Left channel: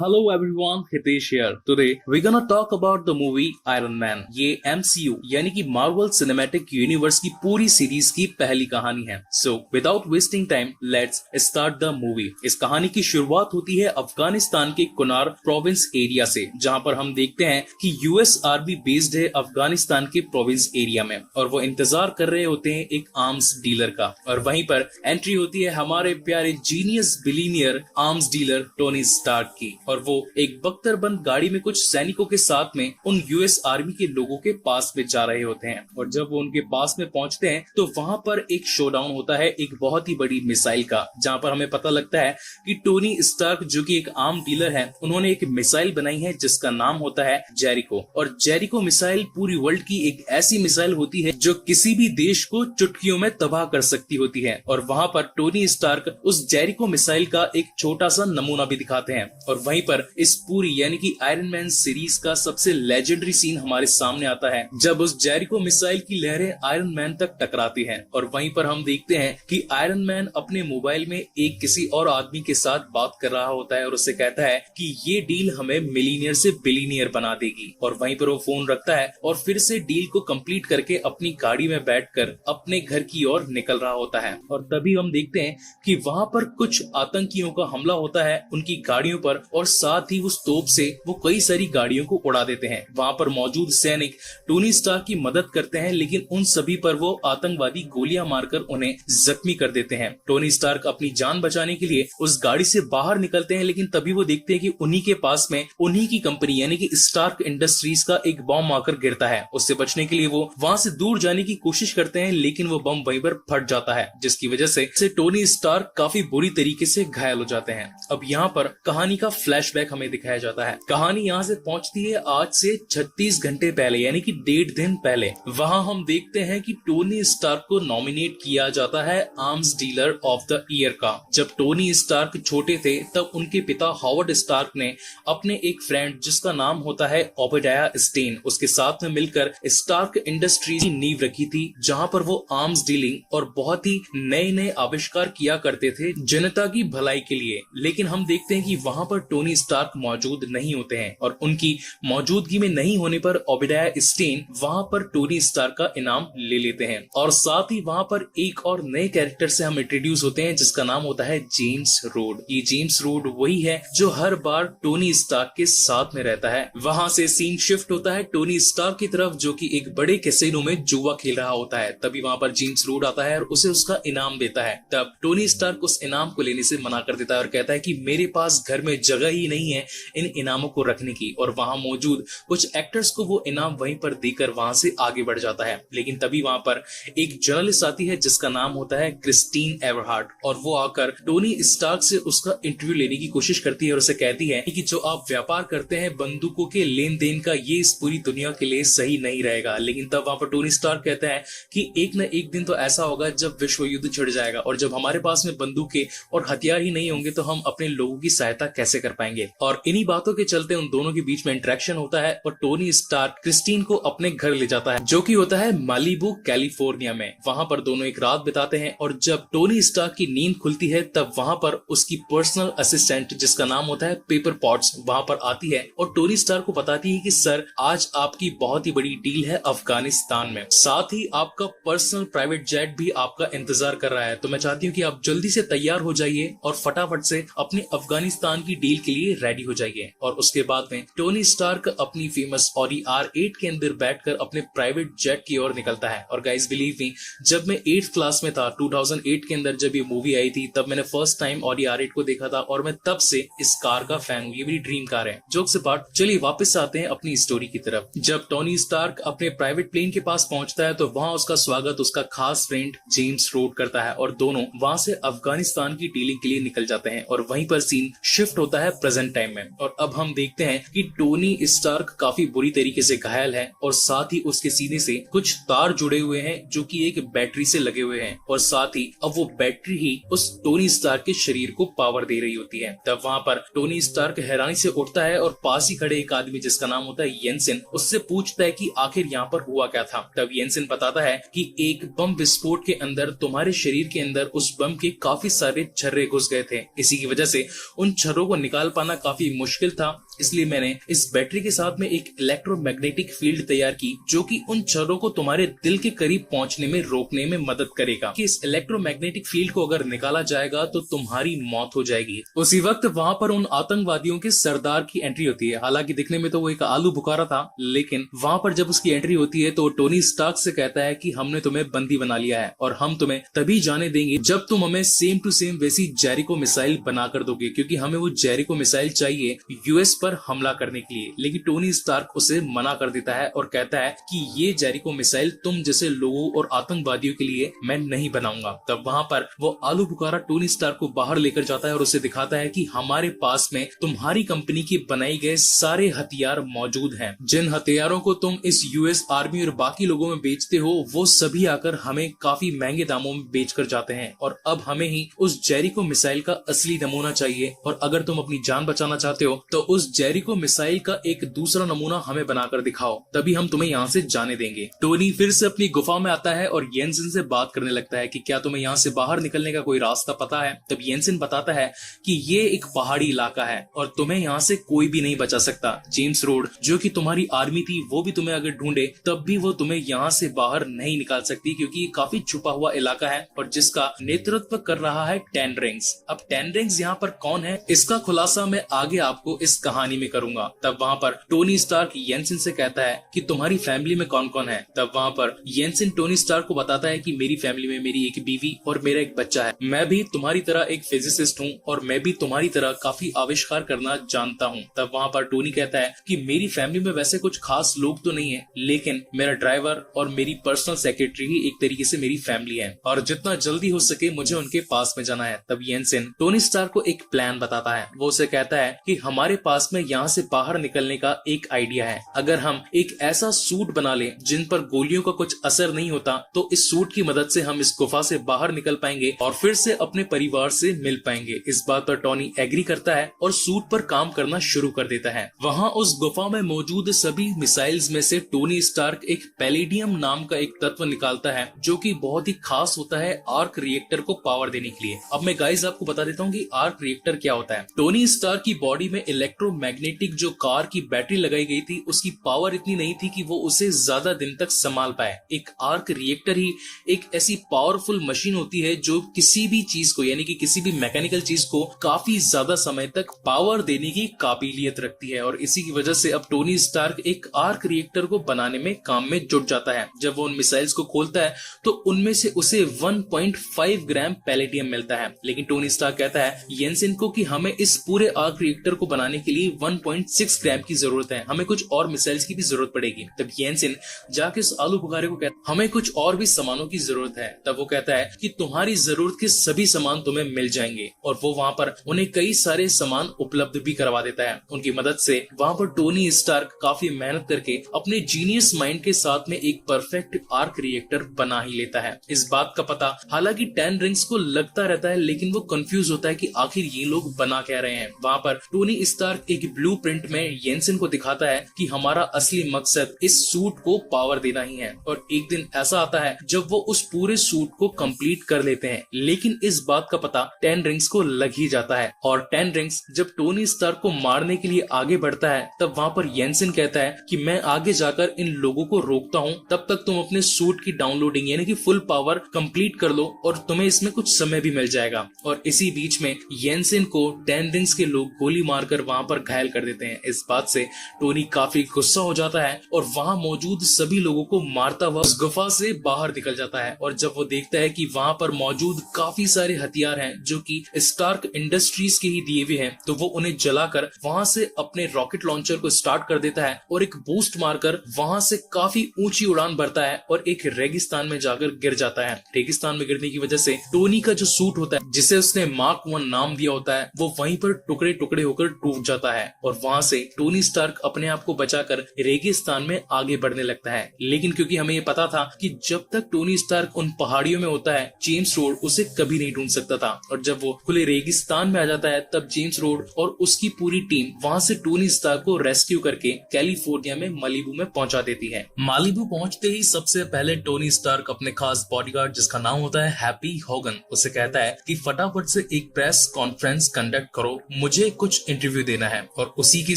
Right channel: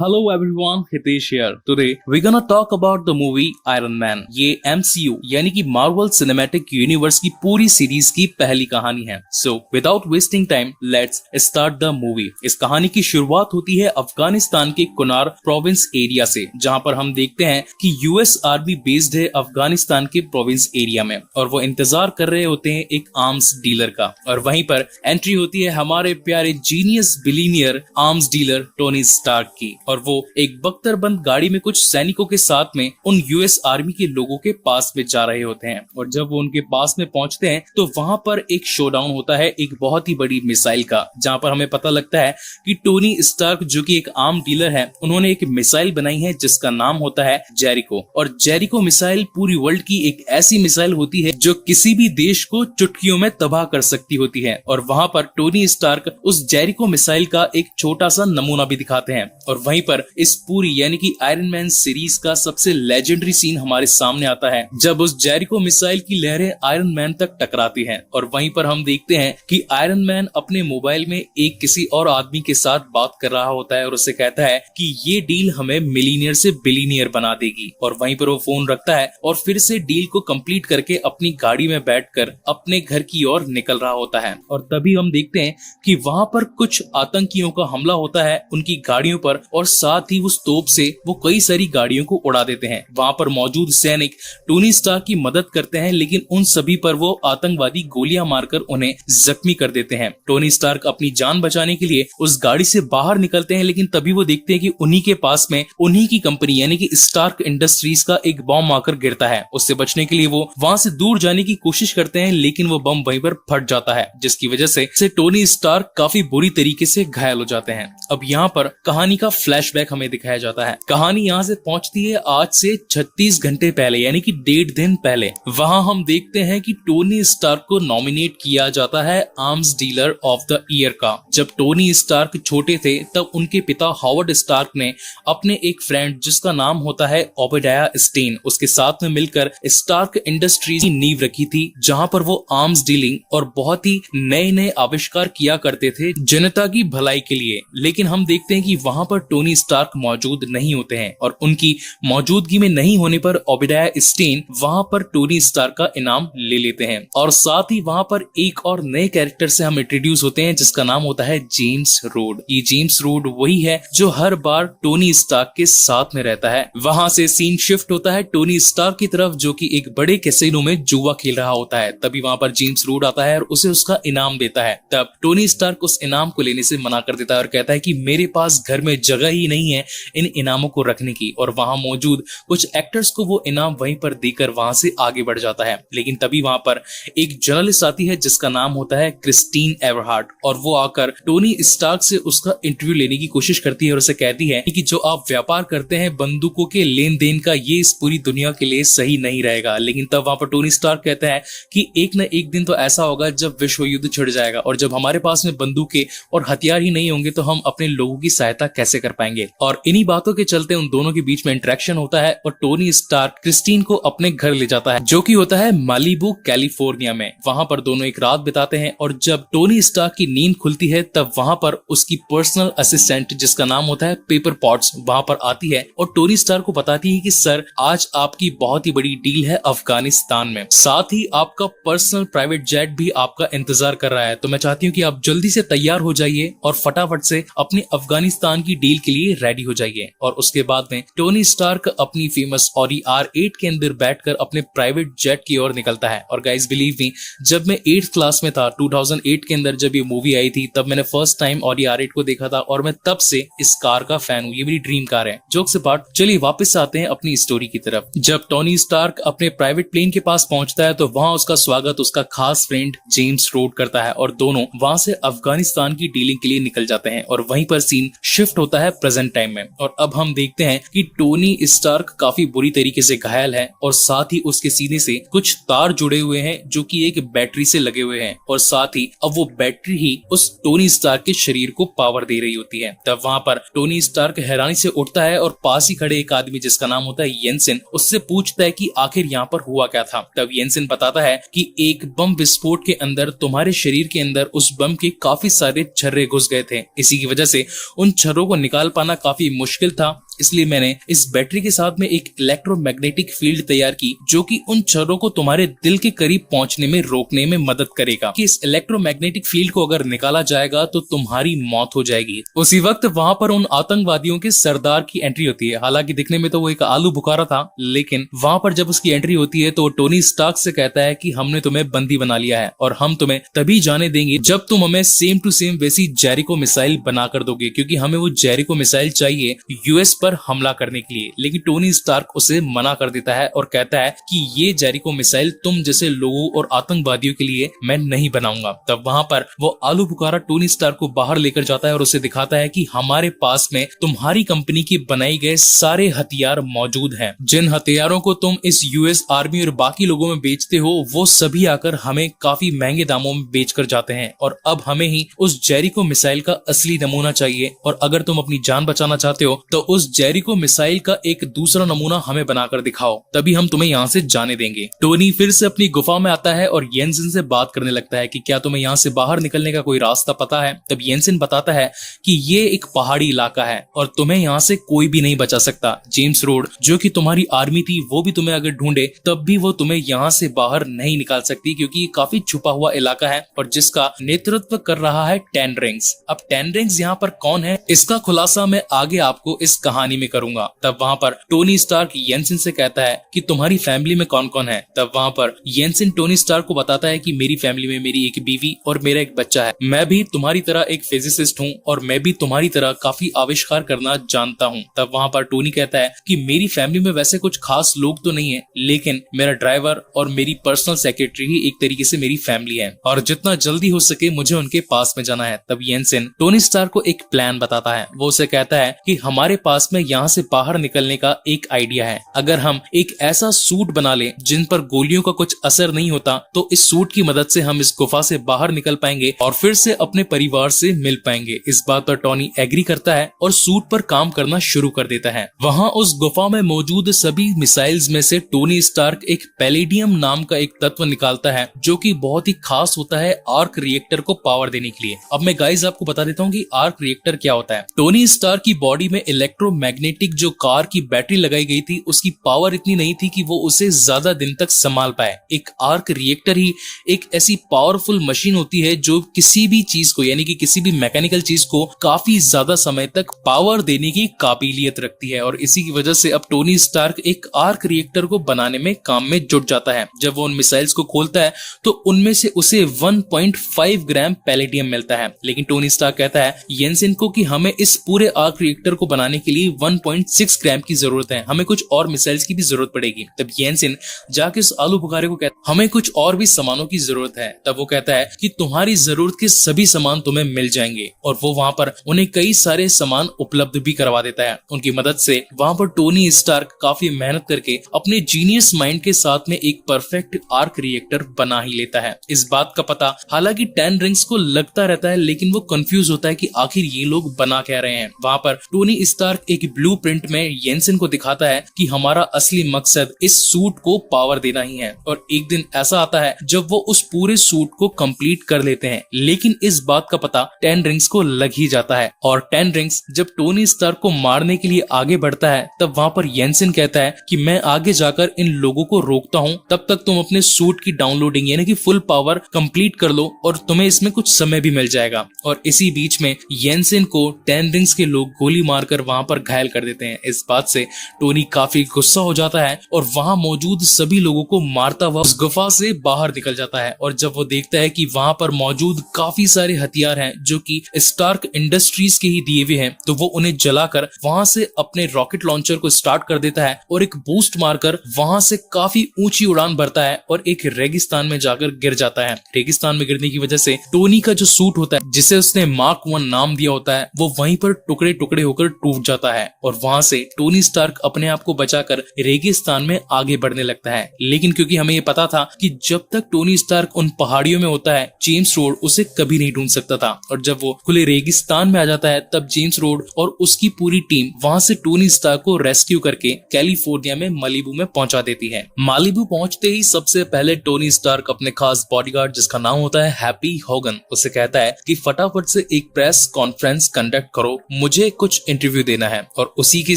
Hello everyone, Hitesh here. Today we're gonna talk about the movie Iron Man. ये MCU यानी कि Marvel cinematic universe की पूरी series की पहली कहानी है. So without wasting time, let's start the movie. इस कहानी की शुरुआत होती है अफगानिस्तान के कुनार प्रोविंस एरिया से, जहां पर हम देखते हैं कि यूएस आर्मी बेस्ड है अफगानिस्तान के प्रोविंस एरिया में और वो इंतजार कर रहे होते हैं एक आर्म्स डीलर का. और वहीं पर एंट्री होती है हमारे प्यारे genius billionaire arms dealer Tony Stark की. और वो एक बख्तरबंद गाड़ी में कुछ सैनिकों के साथ में उन यूएस आर्मी के लोगों के पास में जा रहे होते हैं. और जब वो उनके पास में पहुंचते हैं तो वहां पर एक शोडाउन होता है एक बहुत ही बड़ी मिसाइल का, जहां पर हमें पता लगता है कि टोनी स्टार्क जो कि एक आर्म डीलर है, उन्होंने एक मिसाइल बनाई है जिसका नाम होता है जेरिको. और जेरिको मिसाइल पूरी वर्ल्ड की एक ऐसी मिसाइल होती है जो किसी भी देश को चुटकियों में तबाह कर सकती होती है. और वहां पर टोनी स्टार्क उस जेरिको मिसाइल का एक छोटा सा नमूना भी दिखाते हैं. और वहीं पर इस पूरी यानी कि आयरन मैन सीरीज का सबसे लेजेंडरी सीन हमारे सामने आता है जब उस जेरिको मिसाइल की लहरें आयरन मैन तक टकराती हैं. और वहीं पर हम देखते हैं कि आयरन मैन अपने मोबाइल में एक किसी और आदमी के साथ बात कर रहा होता है और उससे कहता है कि ये डील हमें मिलीनियर से बिलीनियर बना देगी. और वहीं पर वो फोन रखता है और फिर से डील को कंप्लीट करके अपनी गाड़ी में बैठकर अपने घर की ओर निकल रहा होता है. और तभी हम देखते हैं कि वहां पर कुछ आतंकियों का हमला होता है उनकी गाड़ियों पर और साथ ही उस तोप से वो कई सारी गाड़ियों को उड़ा देते हैं. वहां पर मौजूद सैनिक टोनी स्टार्क की मदद करते हैं, लेकिन उन सभी पर वो आतंकवादी गोलियां मारकर उन्हें जख्मी कर देते हैं. टोनी स्टार्क अपनी जान बचाने के लिए उस गाड़ी से बाहर निकलते हैं, लेकिन तभी वो देखते हैं कि उन्हीं के पास में उन्हीं की कंपनी यानी कि स्टार्क इंडस्ट्रीज का एक बम आकर गिरता है. उससे बचने के लिए वो वहां से दूर जाने की कोशिश करते हैं, लेकिन वो बम वहीं पर फट जाता है, जिसकी वजह से टोनी स्टार्क काफी बुरी तरीके से घायल हो जाते हैं. अब यहाँ पर कहानी का फ्लैशबैक हमें दिखाया जाता है. कहानी यहाँ से पहुंचती है आज से 36 घंटे पहले यानी कि 1.5 दिन पहले. वहां हम देखते हैं कि टोनी स्टार्क को नॉमिनेट किया जाता है arms dealer of the year का. जब टोनी स्टार्क छोटे थे तब उनके पिता हॉवर्ड स्टार्क ने अपने एक फ्रेंड जिसका नाम होता है ओबेडाया स्टेन, उसके साथ में मिलकर स्टार्क इंडस्ट्रीज की नींव रखी थी, जहां पर वो आर्म्स डीलिंग और बहुत ही नए नए आविष्कार किया करते थे जनता की भलाई के लिए. लेकिन हम देखते हैं कि वहां पर टोनी स्टार्क मौजूद नहीं होते हैं और उनकी मौजूदगी में नहीं होने पर ओबेडाया स्टेन वहां पर टोनी स्टार्क का इनाम ले लेते हैं. और साथ ही वहां पर एक और नए कैरेक्टर से हम इंट्रोड्यूस होते हैं जिसका नाम होता है जेम्स रोड. ये जेम्स रोड वही है जो हर बार टोनी स्टार्क के साथ में रहता है. वहां से सीन शिफ्ट होता है टोनी स्टार्क की तरफ जो कि एक बड़े कैसीनो में जुआ खेल रहा होता है. तभी वहां पर जेम्स रोड आता है और उसे उसका इनाम देता है. तब टोनी स्टार्क उस इनाम को लेने से मना कर देता है और कहता है कि मेरे पास घर में जगह ही नहीं है इन इनामों को रखने की. और वहां मौजूद कुछ एक्टर्स को वो इनाम वहीं पर देकर वहां से आगे बढ़ जाता है. लेकिन तभी वहां पर एक जर्नलिस्ट आती है जिसका नाम होता है क्रिस्टीन एवरहार्ट और वो आकर टोनी स्टार्क से उसका इंटरव्यू लेने की कोशिश करती है और उसे कहती है कि जो आप व्यापार करते हैं बंदूकों के लेन देन का, ये इस पूरी दुनिया के लिए सही नहीं रहेगा. लेकिन तब वहां पर टोनी स्टार्क कहता है कि एक न एक दिन तो ऐसा होगा जब विश्व युद्ध छिड़ जाएगा और जब हमारे पास में बंदूकें और हथियार ही नहीं होंगे तो हम अपने लोगों की सहायता कैसे कर पाएंगे. और इन्हीं बातों के चलते उन दोनों के बीच में इंटरेक्शन होता है और टोनी स्टार्क क्रिस्टीन को अपने घर ले जाता है जो कि होता है मालिबू कैलिफोर्निया में. वहां पर दोनों एक रात बिताते हैं और जब टोनी स्टार्क की नींद खुलती है तब वहां पर उसकी पर्सनल असिस्टेंट जिसका नाम होता है पेपर पॉट्स वहां पर आती है और टोनी स्टार्क को बताती है कि सर आज आपकी बहुत ही बड़ी डील है अफगानिस्तान में, साथ ही आपका पर्सनल प्राइवेट जेट भी आपका इंतजार कर रहा है, तो मैं चाहती हूँ कि आप जल्दी से तैयार हो जाइए और फटाफट से अपने अफगानिस्तान की डील के लिए रेडी हो जाइए. और उसके बाद में टोनी स्टार्क अपनी फेमस ऑडी R8 के अंदर बैठकर अपने प्राइवेट जेट की ओर निकलता है. और गाइस बिलीव मी, जब मैं 8th क्लास में था 2008 के अंदर जब ये मूवी आई थी तब मैंने फर्स्ट टाइम ऑडी R8 को देखा था और मैं तब से इस कार का फैन हूँ. ये मेरी ड्रीम कार है. जोक से पार्ट, चलिए वापस आते हैं अपनी स्टोरी की तरफ. जब टोनी स्टार्क अपने प्राइवेट प्लेन के पास पहुंचता है तो वहां उसका स्वागत उसका खास फ्रेंड जेम्स रोड करता है और दोनों वहां से अफगानिस्तान की डीलिंग के लिए निकल जाते हैं. और वहीं पर सीन शिफ्ट होता है प्रेजेंट टाइम में और अब हम देखते हैं कि टोनी स्टार्क काफी बुरी तरीके से घायल है और साथ ही उसके सीने से कुछ तार जुड़े हुए हैं जो कि एक बैटरी से लगे हुए हैं और साथ ही अब वो बैटरी ही उस टोनी स्टार्क के शरीर को पावर दे रही होती है. तब वहां पर टोनी स्टार्क हैरानी से उठता है और पास ही खड़े एक आदमी जिसका नाम होता है येंसेन उससे पूछता है कि आखिर यहाँ पर हुआ क्या था. तब येंसेन बताता है कि एक बम विस्फोट के अंदर तुम्हारे शरीर के अंदर उस बम के काफी सारे छर्रे घुस गए थे, इसी की वजह से उन छर्रों को निकाल पाना काफी मुश्किल था, इसलिए मैंने इस बैटरी के साथ में एक इलेक्ट्रोमैग्नेटिक फील्ड तैयार की जो कि उन क्षणों को तुम्हारे दिल के करीब पहुंचने में रोकने में मदद करेगा कि इस इलेक्ट्रोमैग्नेटिक फील्ड को अगर निकाला जाएगा तो तुम्हारी मौत हो जाएगी। उसी वक्त वहां पर उन आतंकवादियों के सरदार की एंट्री होती है। हालांकि दिखने में तो वो एक आलू बुखारा था, लेकिन वहां पर जब उसकी एंट्री होती है तो टोनी स्टार्क से कहता है कि हमने तुम्हें बंदी बना लिया है और हम तुम्हें तभी जाने देंगे जब तुम हमें सेम टू सेम वैसी जेरिको मिसाइल बनाकर दोगे, क्योंकि हमें वो जेरिको मिसाइल चाहिए यूएस पर हमला करने के लिए। लेकिन टोनी स्टार्क उसे मना कर देता है और कहता है कि ये जेरिको मिसाइल तुम जैसे लोगों और आतंकवादियों के लिए मैं नहीं बनाऊंगा। तब वहां पर वो आलू बुखारा टोनी स्टार्क को बाहर लेकर जाता है और उसे दिखाता है कि हमारे पास में तुम्हारी कंपनी की बनाई गए सारे हथियार मौजूद हैं। जिन हथियारों को तुम इस यूएस आर्मी और बाकी लोगों में बेचते हो वो सभी आकर हमें काफी महंगे दामों में बेच कर जाते हैं और अब हमें ही उस जेरिको मिसाइल का असली नमूना चाहिए और अगर तुम अपनी जान बचाना चाहते हो तो उस जेरिको मिसाइल का एक दूसरा नमूना हमें बनाकर दिखाओ, तभी हम तुम्हें यहाँ से जाने देंगे। टोनी फिर से अपनी गुफा में आता है और येंसन से बात करने लगता है कि क्या तुम्हें यहाँ से बाहर निकलने का कोई रास्ता पता है। तब येंसन बताता है कि ये एक पहाड़ी इलाका है और तुम्हें यहाँ से कोई भी नहीं बचा सकता। जेम्स रोड जो कि तुम्हारी आर्मी थी वो भी तुम्हें अगर ढूंढे तब भी वो तुम्हें यहाँ से बाहर नहीं निकाल सकती, क्योंकि ये काफी छुपा हुआ इलाका है और जिसका नेतृत्व कर रहा है टेन रिंग्स। अब टेन रिंग्स यहाँ पर कौन है इसका खुलासा मैं आगे आपको इस कहानी में करूंगा। तब वहाँ पर टोनी स्टार्क येंसन से कहता है कि तुम्हारी फैमिली में कौन कौन है। तब वहाँ पर येंसन टोनी स्टार्क को बताता है कि मेरी फैमिली में मेरी एक बीवी और मेरा एक बच्चा है। मैं भी तुम्हारी तरह एक फिजिसिस्ट हूँ और मैं भी तुम्हारी तरह काफी आविष्कार करना जानता हूँ। तब वहाँ पर टोनी कहता है कि मेरी फैमिली में वैसे कुछ खास लोग तो नहीं है, लेकिन मेरा ड्राइवर और मेरी पर्सनल सेक्रेटरी ही एक तरीके से मेरी फैमिली है और जितना जल्दी हो सके मुझे उनके पास में जाना है। तब येंसन टोनी स्टार्क को एक प्लान बताता है। वो उसे कहता है कि हमारे पास में यहाँ से बाहर निकलने का एक आइडिया है। अगर हम एक ऐसा सूट बना ले जिन पर गोलियों का कुछ असर नहीं होता तो इस सूट की मदद से हम इस गुफा से बाहर निकल पाएंगे और फिर से अपने परिवार से मिल पाएंगे। इस बात पर टोनी एग्री करता है और सूट पर काम करना शुरू कर देता है। वहाँ उस गुफा में मौजूद सभी मिसाइल्स में से टोनी स्टार्क एक पैलेडियम नाम का एक तत्व निकालता है जो कि बहुत ही खास होता है आर्क रिएक्टर को पावर देने के लिए। अब मैं गाइस आपको बता देता हूँ कि आर्क रिएक्टर क्या होता है। टोनी स्टार्क की बॉडी में इलेक्ट्रोमैग्नेटिक जो कार की बैटरी लगाई गई थी उसकी पावर इतनी नहीं थी कि वो उसे ज्यादा दिन तक संभाल पाए। एक आर्क रिएक्टर ही एक ऐसी पावरफुल मशीन होती है जो किसी भी चीज को यानी कि किसी भी मैकेनिकल चीज को काफी ज्यादा समय तक पावर देने की काबिलियत रखती है और इसी की वजह से अब टोनी स्टार्क एक आर्क रिएक्टर को बनाने में काम में जुट जाता है। जब वो उन मिसाइल्स को खोलता है तो उनमें से उसे 1.5 ग्राम पैलेडियम मिलता है, लेकिन टोनी स्टार्क कहता है येंसन को कि हमें इस पूरे आर्क रिएक्टर को बनाने के लिए 1.6 ग्राम की जरूरत है, हमें कुछ और मिसाइल्स की भी जरूरत पड़ेगी। तब येंसन जाके उस आलू बुखारे को कहता है हमें कुछ और भी सामानों की जरूरत है। तब वो कहता है कि तुम्हारी जरूरत के सभी सामान तुम्हें मिल जाएंगे और वो वहाँ पर उन्हें कई सारे सामान उपलब्ध भी करवा देता है। उनकी मदद से वहाँ पर टोनी स्टार्क काफी मेहनत करके अपने जीनियस माइंड के साथ में एक परफेक्ट आर्क रिएक्टर बना ही लेता है। इस बात का पता हालांकि टेन रिंग्स को लगता रहता है, लेकिन वो कंफ्यूज होता है कि आखिर ये लोग बना क्या रहे हैं। वहाँ पर टोनी स्टार्क एक ब्लूप्रिंट में येंसन को दिखाता है कि हमारा असली मकसद इस सूट को पावर देना ही है और एक दिन ऐसा आता है जब वो उस पूरे सूट को कंप्लीट कर लेते हैं, लेकिन इस बात का पता टेन रिंग्स को लग ही जाता है और टेन रिंग्स जब टोनी स्टार्क को मारने के लिए आगे बढ़ता है तब वहाँ पर येंसन कहता है कि मैं आगे जाकर इन लोगों को रोकता हूँ, तब तक तुम अपने सूट की डाउनलोडिंग यानी कि फुल पावर कंप्लीट कर लो और तुम्हें इसमें कुछ समय भी मिल जाएगा। और इसी बीच में येंसन को टेन रिंग्स के लोग गोली मारकर वहाँ पर घायल कर देते हैं। इस बात से टोनी काफी गुस्सा हो जाता है और वहाँ मौजूद सभी लोगों को मारता हुआ उस गुफा से बाहर निकल जाता है और जब वो देखता है कि वहाँ पर मौजूद काफी सारे हथियार हैं जो कि स्टार्क इंडस्ट्रीज के ही दिए हुए हैं, तो वो उन्हें जलाकर वहाँ से अपने रॉकेट लॉन्चर को स्टार्ट कर देता है और एक बूस्ट मारकर वहाँ से काफी ऊंची उड़ान भरता है और एक रेगिस्तान में जाकर गिर जाता है। रेगिस्तान में गिरने की वजह से टोनी का जो सूट होता है जिसे उसने मार्क 1 नाम दिया होता है वो वहीं पर टुकड़े टुकड़े होकर टूट जाता है है और वहां से टोनी स्टार्क अपने आप को बचाकर रेगिस्तान में आगे बढ़ने लगता है। लेकिन क्योंकि हमें ये पता था कि जब तक टोनी स्टार्क उन पहाड़ियों में होता है जेम्स रोड उसे कभी नहीं ढूंढ सकता था, और जब वो खुले रेगिस्तान में आ जाता है तब जेम्स रोड और उसकी पूरी टीम वहां से टोनी स्टार्क को रेस्क्यू करके कैलिफोर्निया में मालिबू में पहुंचा देती है। मालिबू पहुंचते ही सबसे पहले टोनी स्टार्क अपने खास बॉडीगार्ड जिसका नाम होता है हैप्पी होगन उसे कहता है कि फटाफट से एक प्रेस कॉन्फ्रेंस कंडक्ट करो, मुझे कुछ इंटरव्यू देना है। और उसी के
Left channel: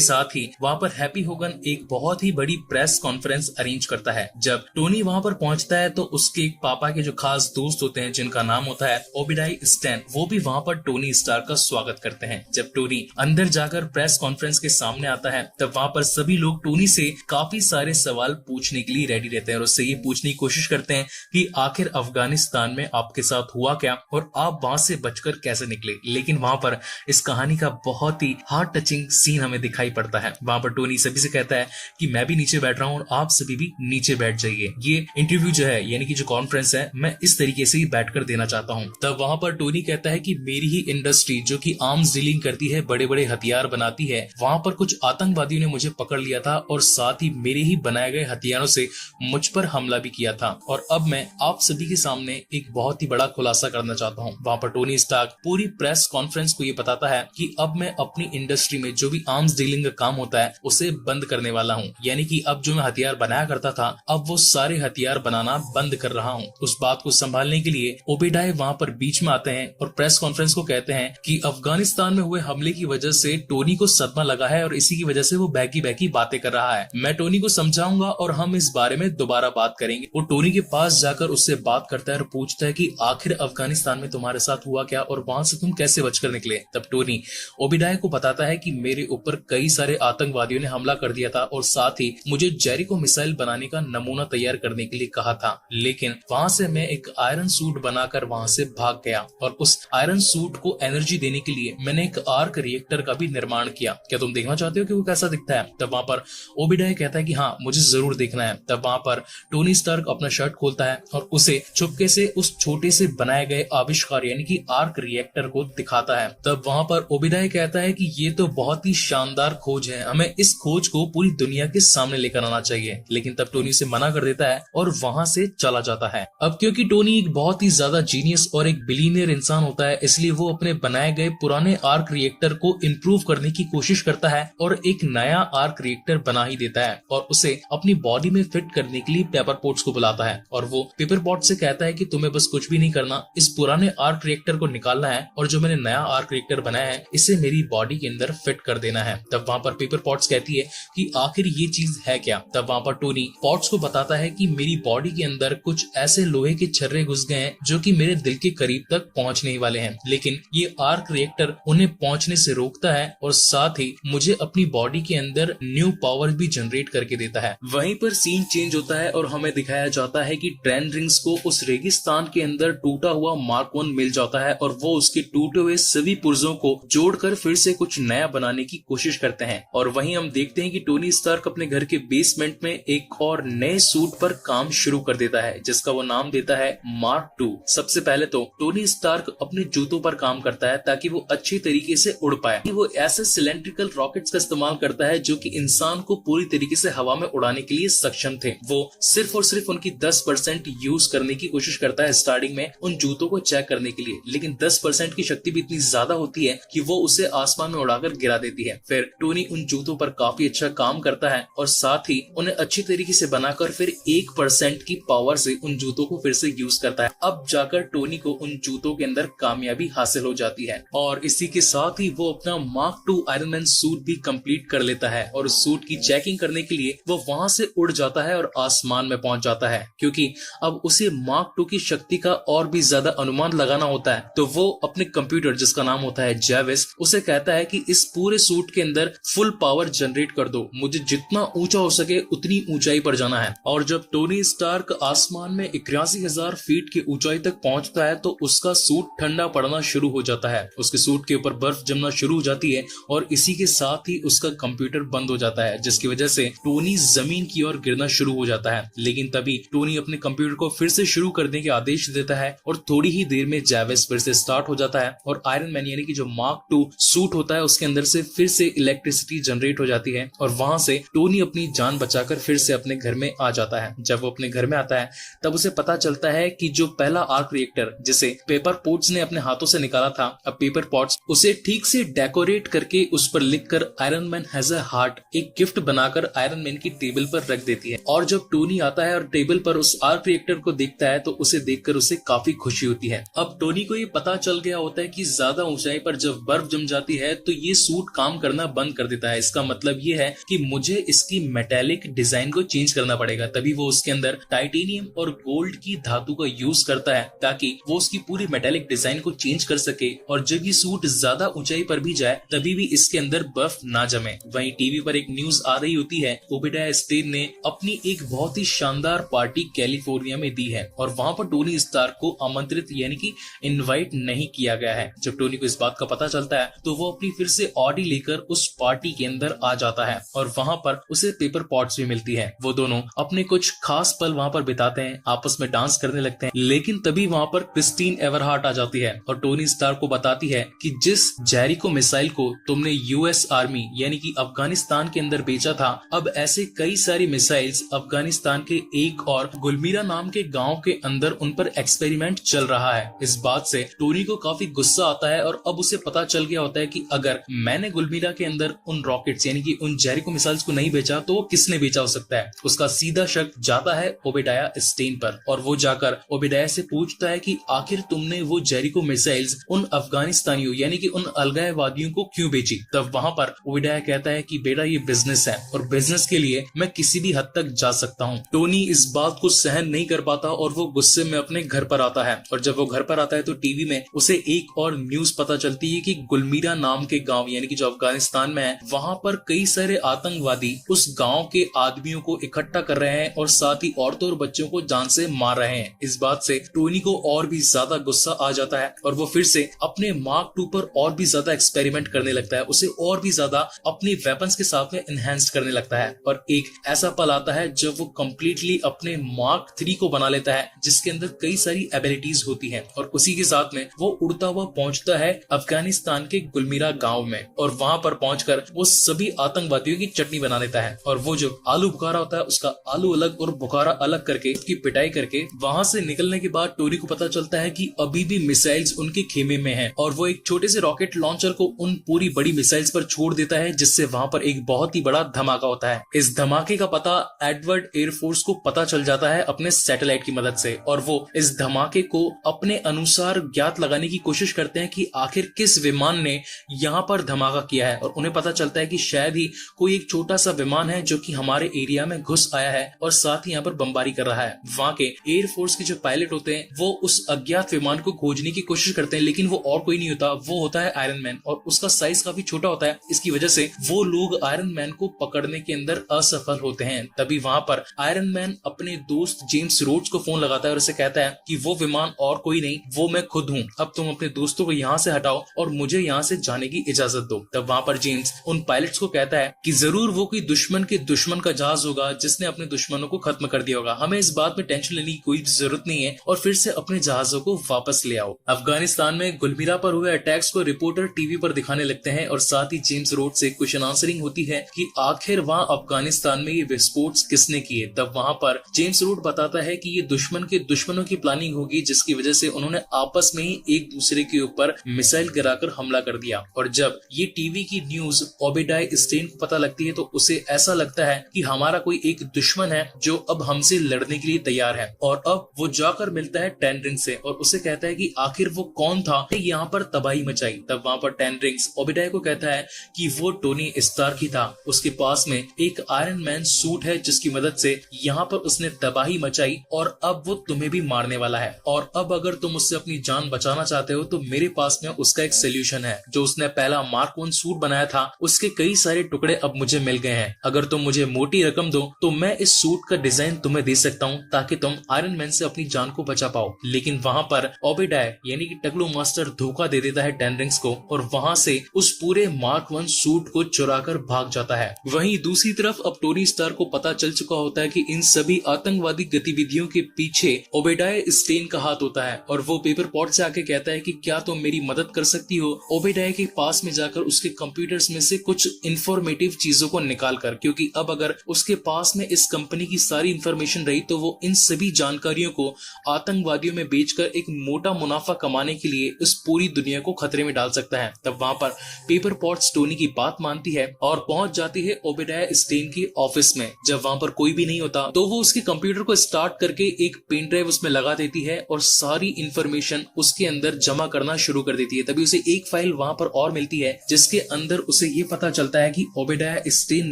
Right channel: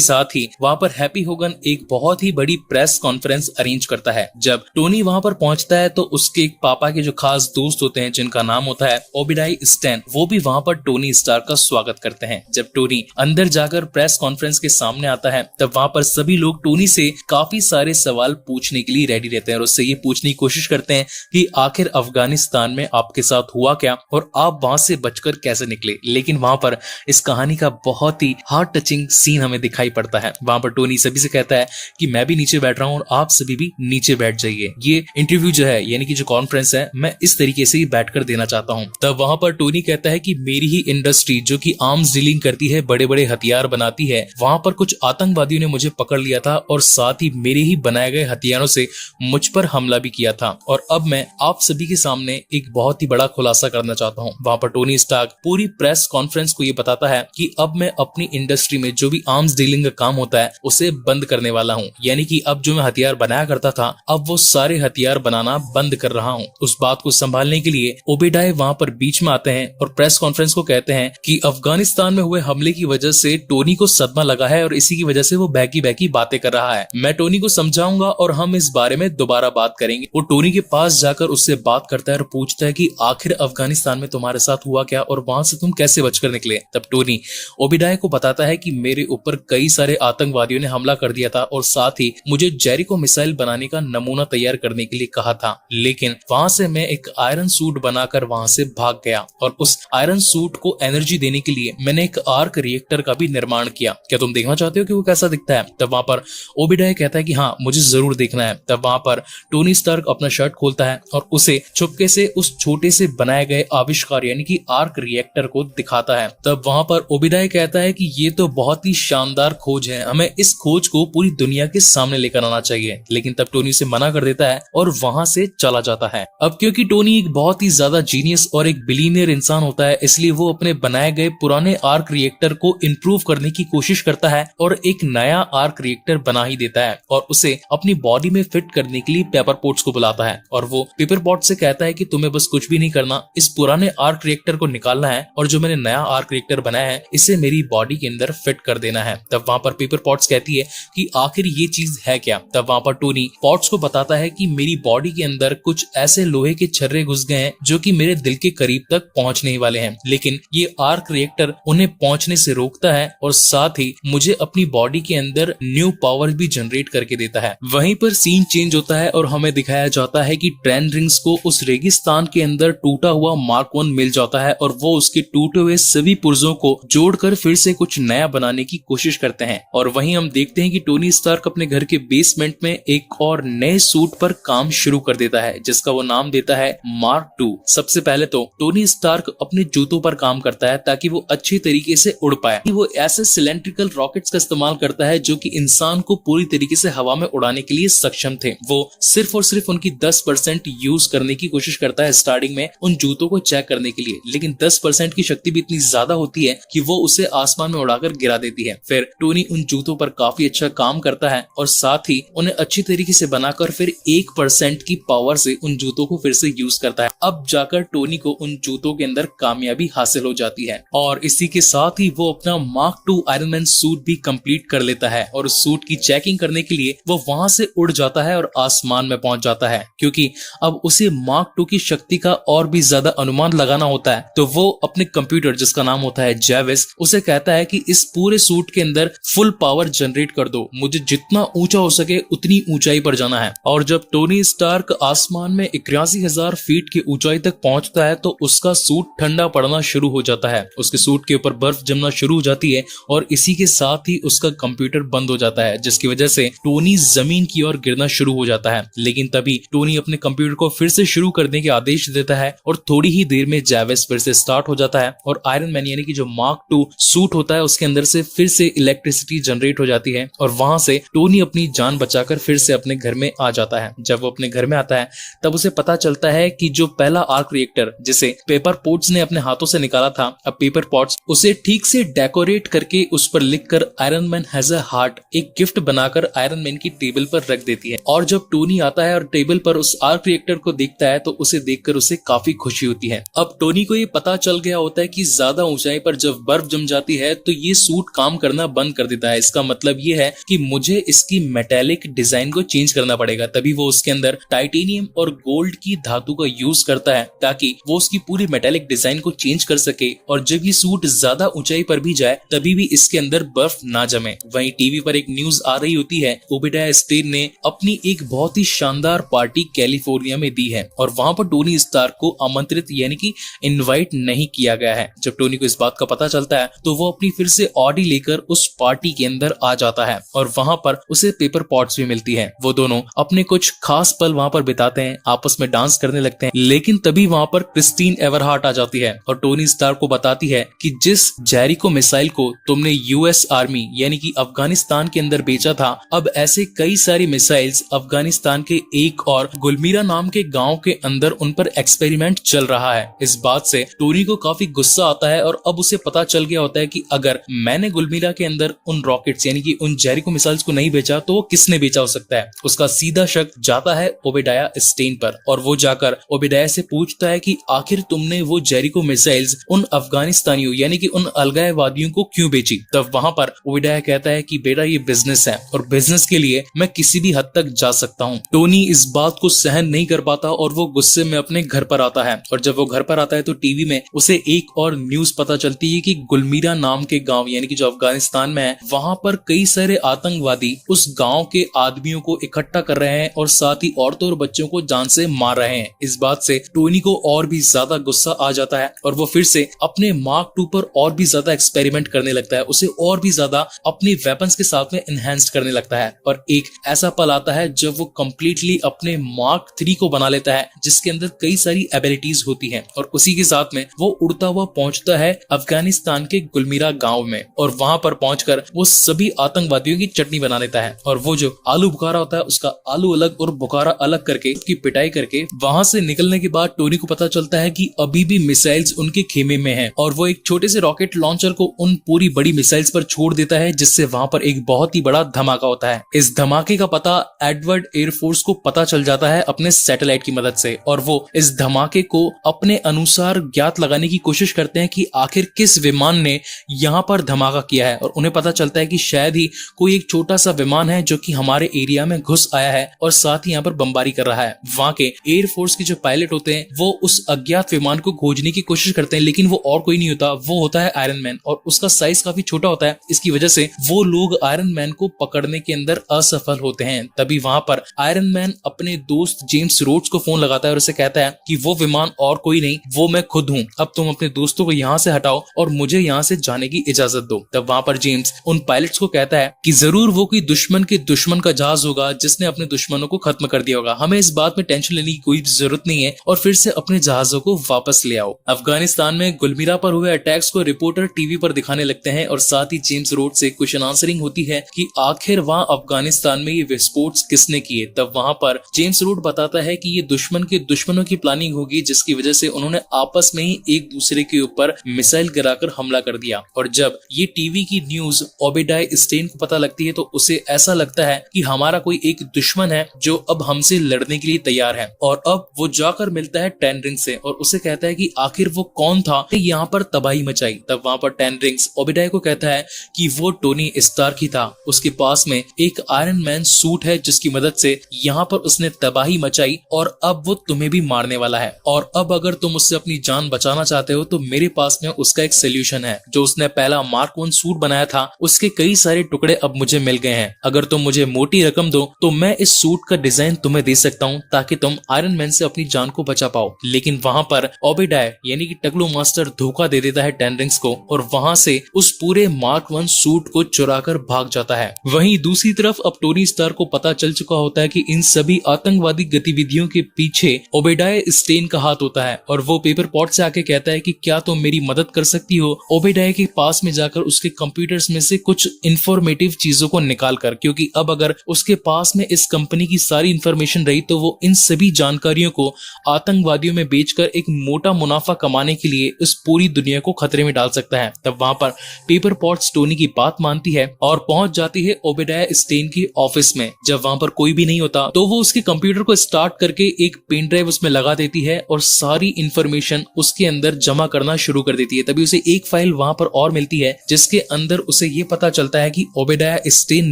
साथ ही वहां पर हैप्पी होगन एक बहुत ही बड़ी प्रेस कॉन्फ्रेंस अरेंज करता है। जब टोनी वहां पर पहुंचता है तो उसके एक पापा के जो खास दोस्त होते हैं जिनका नाम होता है ओबिडाई स्टैन, वो भी वहां पर टोनी स्टार्क का स्वागत करते हैं। जब टोनी अंदर जाकर प्रेस कॉन्फ्रेंस के सामने आता है तब वहां पर सभी लोग टोनी से काफी सारे सवाल पूछने के लिए रेडी रहते हैं और उससे ये पूछने की कोशिश करते हैं कि आखिर अफगानिस्तान में आपके साथ हुआ क्या और आप वहां से बचकर कैसे निकले। लेकिन वहां पर इस कहानी का बहुत ही हार्ट टचिंग सीन हमें दिखाई पड़ता है। वहां पर टोनी सभी से कहता है कि मैं भी नीचे बैठ रहा हूँ और आप सभी भी नीचे बैठ जाइए, ये इंटरव्यू जो है यानी कि जो कॉन्फ्रेंस है मैं इस तरीके से ही बैठकर देना चाहता हूँ। तब वहां पर टोनी कहता है कि मेरी ही इंडस्ट्री जो कि आर्म्स डीलिंग करती है, बड़े बड़े हथियार बनाती है, वहां पर कुछ आतंकवादियों ने मुझे पकड़ लिया था और साथ ही मेरे ही बनाए गए हथियारों से मुझ पर हमला भी किया था और अब मैं आप सभी के सामने एक बहुत ही बड़ा खुलासा करना चाहता हूँ। वहां पर टोनी स्टार्क पूरी प्रेस कॉन्फ्रेंस को ये बताता है कि अब मैं अपनी इंडस्ट्री में जो भी आर्म्स डीलिंग का काम होता है उसे बंद करने वाला हूँ, यानी कि अब जो मैं हथियार बनाया करता था अब वो सारे हथियार बनाना बंद कर रहा हूँ। उस बात को संभालने के लिए ओबेडाई वहां पर बीच में आते हैं और प्रेस कॉन्फ्रेंस को कहते हैं कि अफगानिस्तान में हुए हमले की वजह से टोनी को सदमा लगा है और इसी की वजह से वो बहकी बहकी बातें कर रहा है। मैं टोनी को समझाऊंगा और हम इस बारे में दोबारा बात करेंगे। वो टोनी के पास जाकर उससे बात करता है और पूछता है कि आखिर अफगानिस्तान में तुम्हारे साथ हुआ क्या और वहां से तुम कैसे बचकर निकले। तब टोनी ओबेडाई को बताता है कि मेरे ऊपर कई सारे आतंकवादियों ने हमला कर दिया था और साथ ही मुझे जेरिको मिसाइल बनाने का नमूना तैयार करने के लिए कहा था, लेकिन वहां से मैं एक आयरन सूट बनाकर वहां से भाग गया और उस आयरन सूट को एनर्जी देने के लिए मैंने एक आर्क रिएक्टर का भी निर्माण किया। क्या तुम देखना चाहते हो कि वो कैसा दिखता है? तब वहां पर ओबेडाई कहता है कि हाँ मुझे जरूर देखना है। तब वहां पर टोनी स्टार्क अपना शर्ट खोलता है और उसे चुपके से उस छोटे से बनाए गए आविष्कार यानी कि आर्क रिएक्टर को दिखाता है। तब वहां पर ओबेडाई कहता है कि ये तो बहुत ही शानदार खोज है, हमें इस खोज को पूरी दुनिया के सामने लेकर आना चाहिए। लेकिन तब टोनी उसे मना कर देता है और वहां से चला जाता है। अब क्योंकि टोनी एक बहुत ही ज्यादा जीनियस और एक बिलीनियर इंसान होता है इसलिए वो अपने बनाए गए पुराने आर्क रिएक्टर को इम्प्रूव करने की कोशिश करता है और एक नया आर्क रिएक्टर बना ही देता है और उसे अपनी बॉडी में फिट करने के लिए पेपर पॉट्स को बुलाता है और वो पेपर पॉट से कहता है कि तुम्हें बस कुछ भी नहीं करना, इस पुराने आर्क रिएक्टर को निकालना है और जो मैंने नया आर्क रिएक्टर बनाया है इसे मेरी बॉडी के अंदर फिट कर देना है। तब वहां पर पेपर पॉट्स कहती है कि आखिर ये चीज है क्या? तब वहां पर टोनी पॉट्स को बताता है कि मेरी बॉडी के अंदर कुछ ऐसे लोहे के छर्रे घुस गए हैं जो कि मेरे दिल के करीब तक पहुंचने ही वाले हैं, लेकिन ये आर्क रिएक्टर उन्हें पहुंचने से रोकता है और साथ ही मुझे अपनी बॉडी के अंदर न्यू पावर भी जनरेट करके देता है। वहीं पर सीन चेंज होता है और हमें दिखाया जाता है कि ट्रेन रिंग्स को उस रेगिस्तान के अंदर टूटा हुआ मार्क 1 मिल जाता है और वो उसके टूटे हुए सभी पुर्जों को जोड़कर फिर से कुछ नया बनाने की कोशिश करते हैं। और वहीं हम देखते हैं कि टोनी स्टार्क अपने घर के बेसमेंट में एक और नए सूट पर काम शुरू कर देता है जिसका वो नाम देता है मार्क 2। सबसे पहले तो टोनी स्टार्क अपने जूतों पर काम करता है ताकि वो अच्छी तरीके से उड़ पाए। वो ऐसे सिलेंड्रिकल रॉकेट्स का इस्तेमाल करता है जो कि इंसान को पूरी तरीके से हवा में उड़ाने के लिए सक्षम थे। वो सिर्फ और सिर्फ उनकी 10% यूज करने की कोशिश करता है स्टार्टिंग में उन जूतों को चेक करने के लिए, लेकिन 10% की शक्ति भी इतनी ज्यादा होती है कि वो उसे आसमान में उड़ाकर गिरा देती है। फिर टोनी उन जूतों पर काफी अच्छा काम करता है और साथ ही उन्हें अच्छी तरीके से बनाकर फिर 1% की पावर से उन जूतों को फिर से यूज करता है। अब जाकर टोनी को उन जूतों के अंदर कामयाबी हासिल हो जाती है और इसी के साथ ही वो अपना मार्क 2 आयरन मैन सूट भी कंप्लीट कर लेता है और उस सूट की चेकिंग करने के लिए वो वहां से उड़ जाता है और आसमान में पहुंच जाता है। क्योंकि अब उसे मार्क 2 की शक्ति का और भी ज्यादा अनुमान लगाना होता है तो वो अपने कंप्यूटर जिसका नाम होता है जेविस उसे कहता है कि इस पूरे सूट के अंदर फुल पावर जनरेट कर दो, मुझे जितना ऊंचा हो सके उतनी ऊंचाई पर जाना है। और जब टोनी स्टार्क आसमान में 81,000 फीट की ऊंचाई तक पहुंचता है तो उसका सूट ठंडा पड़ना शुरू हो जाता है, उसके सूट के ऊपर बर्फ जमना शुरू हो जाती है और इसी के साथ ही उसका कंप्यूटर बंद हो जाता है जिसकी वजह से टोनी जमीन की ओर गिरना शुरू हो जाता है। लेकिन तभी टोनी अपने कंप्यूटर को फिर से शुरू करने के आदेश देता है और थोड़ी ही देर में जेविस फिर से स्टार्ट हो जाता है और आयरन मैन यानी कि जो मार्क 2 सूट होता है उसके अंदर से फिर से इलेक्ट्रिसिटी जनरेट हो जाती है और वहां से टोनी अपनी जान बचाकर फिर से अपने घर में आ जाता है। जब वो अपने घर में आता है तब उसे पता चलता है कि जो पहला आर्क रिएक्टर जिसे पेपर पॉट्स ने अपने हाथों से निकाला था, अब पेपर पॉट्स उसे ठीक से डेकोरेट करके उस पर लिखकर iron man has a heart एक गिफ्ट बनाकर आयरन मैन की टेबल पर रख देती है। और जब टोनी आता है और टेबल पर उस आर्क रिएक्टर को देखता है तो उसे देखकर उसे काफी खुशी होती है। अब टोनी को ये पता चल गया होता है कि ज्यादा ऊंचाई पर जब बर्फ जम जाती है तो ये सूट काम करना बंद कर देता है। इसका मतलब ये है कि मुझे इसकी मेटेलिक डिजाइन को चेंज करना पड़ेगा। तभी वो उसके अंदर टाइटेनियम और गोल्ड की धातु का यूज करता है ताकि वो उसकी पूरी मेटेलिक डिजाइन को चेंज कर सके और जब ये सूट ज्यादा ऊंचाई पर भी जाए तभी भी इसके अंदर बर्फ ना जमे। वहीं टीवी पर एक न्यूज आ रही होती है, ओबेडाया स्टेन ने अपनी एक बहुत ही शानदार पार्टी कैलिफोर्निया में दी है और वहां पर टोनी स्टार्क को आमंत्रित यानी कि इनवाइट नहीं किया गया है। जब टोनी को इस बात का पता चलता है तो वो अपनी फिर से ऑडी लेकर उस पार्टी के अंदर आ जाता है और वहां पर उसे पेपर पॉट्स भी मिलती है। वो दोनों अपने कुछ खास पल वहां पर बिताते हैं, आपस में डांस करने लगते हैं, लेकिन तभी वहां पर क्रिस्टीन एवरहार्ट आ जाती है और टोनी स्टार्क को बताती है कि जिस जेरिको मिसाइल को तुमने यूएस आर्मी यानी कि अफगानिस्तान के अंदर बेचा था, अब ऐसे कई सारी मिसाइल्स अफगानिस्तान के एक और गुलमीरा नाम के गांव के अंदर उन पर एक्सपेरिमेंट चल रहा है। इस बात से टोनी को काफी गुस्सा आता है और अब उसे पता चल गया होता है कि अगर मैंने गुलमीरा के अंदर उन रॉकेट्स यानी कि उन जेरिको मिसाइल्स को नहीं बेचा तो किसने बेचा हो सकता है। उसका सीधा शक जाता है ओबेडाया स्टेन पर और वो जाकर ओबेडाया से पूछता है कि आखिर तुमने वो जेरिको मिसाइल्स उन अफगानिस्तानियों यानी कि उन अलगाववादियों को क्यों बेची। तब वहां पर ओबेडाया कहता है कि बेटा ये बिजनेस है और बिजनेस के लिए मैं किसी भी हद तक जा सकता हूँ। टोनी इस बात को सहन नहीं कर पाता और वो गुस्से में अपने घर पर आता है और जब वो घर पर आता है तो टीवी में उसे एक और न्यूज पता चलती है कि गुलमीरा नाम के गांव यानी कि जो अफगानिस्तान में है वहां पर कई सारे आतंकवादी उस गांव के आदमियों को इकट्ठा कर रहे हैं और साथ ही औरतों और बच्चों को जान से मार रहे हैं। इस बात से टोनी को और भी ज्यादा गुस्सा आ जाता है और वो फिर से अपने मार्क 2 पर और भी ज्यादा एक्सपेरिमेंट करने लगता है, उसे और भी ज्यादा अपने वेपन्स के साथ में एनहेंस्ड करने लगता है। और एक ऐसा पल आता है जब वो कम्प्लीटली अपने मार्क 3 को बना लेता है जिसके अंदर कई सारी एबिलिटीज होती हैं और उसी के साथ में वो उड़ता हुआ पहुंचता है अफगानिस्तान के गुलमीरा गांव में और वहां पर पहुंचकर वो सभी आतंकवादियों की चटनी बना लेता है और वो जो आलू बुखारा होता है उसका आलू अलग और बुखारा अलग करके उसकी पिटाई करके वहां से निकलने के बाद टोनी को पता चलता है कि अभी भी मिसाइल्स उनके खेमे में हैं और वो एक छोटे से रॉकेट लॉन्चर को उन पूरी बड़ी मिसाइल्स पर छोड़ देता है जिससे वहां पर एक बहुत ही बड़ा धमाका होता है। इस धमाके का पता एडवर्ड एयरफोर्स को पता चल जाता है अपने सैटेलाइट की मदद से और वो इस धमाके को अपने अनुसार ज्ञात लगाने की कोशिश करते हैं कि आखिर किस विमान ने यहाँ पर धमाका किया है और उन्हें पता चलता है कि शायद ही कोई एक छोटा सा विमान है जो कि हमारे एरिया में घुस आया है और साथ ही यहाँ पर बमबारी कर रहा है। वहाँ के एयरफोर्स के जो पायलट होते हैं वो उस अज्ञात विमान को खोजने की कोशिश करते हैं लेकिन वो और कोई नहीं होता, वो होता है आयरन मैन और उसका साइज काफी छोटा होता है। इसकी वजह से वो लोग आयरन मैन को पकड़ने के अंदर असफल होते हैं। तभी वहां पर आयरन मैन अपने दोस्त जेम्स रोड्स को फोन लगाता है और उसे कहता है कि वो विमान और कोई नहीं, वो मैं खुद हूँ, अब तुम अपने दोस्तों को यहाँ से हटाओ और मुझे यहाँ से जाने की इजाजत दो। तब वहां पर जेम्स उन पायलट्स को कहता है कि जरूर वो कोई दुश्मन के दुश्मन का जहाज होगा जिसने अपने दुश्मनों को खत्म कर दिया होगा, हमें इस बात में टेंशन लेने की कोई जरूरत नहीं है और फिर से अपने जहाजों को वापस ले आओ। अफगानिस्तान में गुलमीरा पर हुए अटैक्स को रिपोर्टर टीवी पर दिखाने लगते हैं और साथ ही जेम्स रोड से क्वेश्चन आंसरिंग होती है कि आखिर वहाँ अफगानिस्तान में ये विस्फोट किसने किए। तब वहां पर जेम्स रोड बताता है कि ये दुश्मन के दुश्मनों की प्लानिंग होगी जिसकी वजह से उन्होंने आपस में ही एक दूसरे के ऊपर मिसाइल गिराकर हमला कर दिया। और जब ये टीवी की न्यूज ओबेडाया स्टेन को पता लगती है तो उसे ऐसा लगता है कि हमारा कोई एक दुश्मन है जो अब हमसे लड़ने के लिए तैयार है और अब वो जाकर मिलता है टेन रिंग्स से और उसे कहता है कि आखिर वो कौन था यहाँ पर तबाही मचाई। तब वहां पर टेन रिंग्स ओबेडाया को कहता है कि वो टोनी स्टार्क ही था, उसके पास में एक आयरन मैन सूट है जिसकी मदद से यहाँ पर उसने तबाही मचाई और अब वो तुम्हें भी मारने वाला है और अब अगर तुम उससे अपनी जान बचाना चाहते हो तो मेरे पास में उसका एक सोल्यूशन है। जो उसने पहला मार्क 1 सूट बनाया था उसके कई सारे टुकड़े अब मुझे मिल गए हैं, अगर तुम मुझे मोटी रकम दो तो मैं इस सूट का डिजाइन तुम्हें दे सकता हूँ ताकि तुम आयरन मैन से अपनी जान को बचा पाओ। लेकिन वहां पर ओबेडाया यानी कि टकलू मास्टर धोखा दे देता है टेन रिंग्स को और वहां से उस पूरे मार्क 1 सूट को चुराकर भाग जाता है। वहीं दूसरी तरफ अब टोनी स्टार्क को पता चल चुका होता है कि इन सभी आतंकवादी गतिविधियों के पीछे ओबेडाया स्टेन का हाथ होता है और वो पेपर पॉट से आके कहता है कि क्या तुम मेरी मदद कर सकती हो। ओबेडाया के पास में जाकर उसके कंप्यूटर्स में से कुछ इंफॉर्मेटिव चीजों को निकाल कर, क्योंकि अब अगर उसके पास में इस कंपनी की सारी इंफॉर्मेशन रही तो वो इन सभी जानकारियों को आतंकवादियों में बेचकर एक मोटा मुनाफा कमाने के लिए इस पूरी दुनिया को खतरे में डाल सकता है। तब वहां पर पेपर पॉट्स टोनी की बात मानती है और पहुंच जाती है ओबेडाया स्टेन के ऑफिस में। जब वहां पर कोई भी नहीं होता तो वो उसके कंप्यूटर को स्टार्ट करके एक पेन ड्राइव उसमें लगा देती है और सारी इंफॉर्मेशन उसके अंदर जमा करना शुरू कर देती है। तभी उसे एक फाइल वहां पर और मिलती है जिसके अंदर उसे ये पता चलता है कि ओबेडाया स्टेन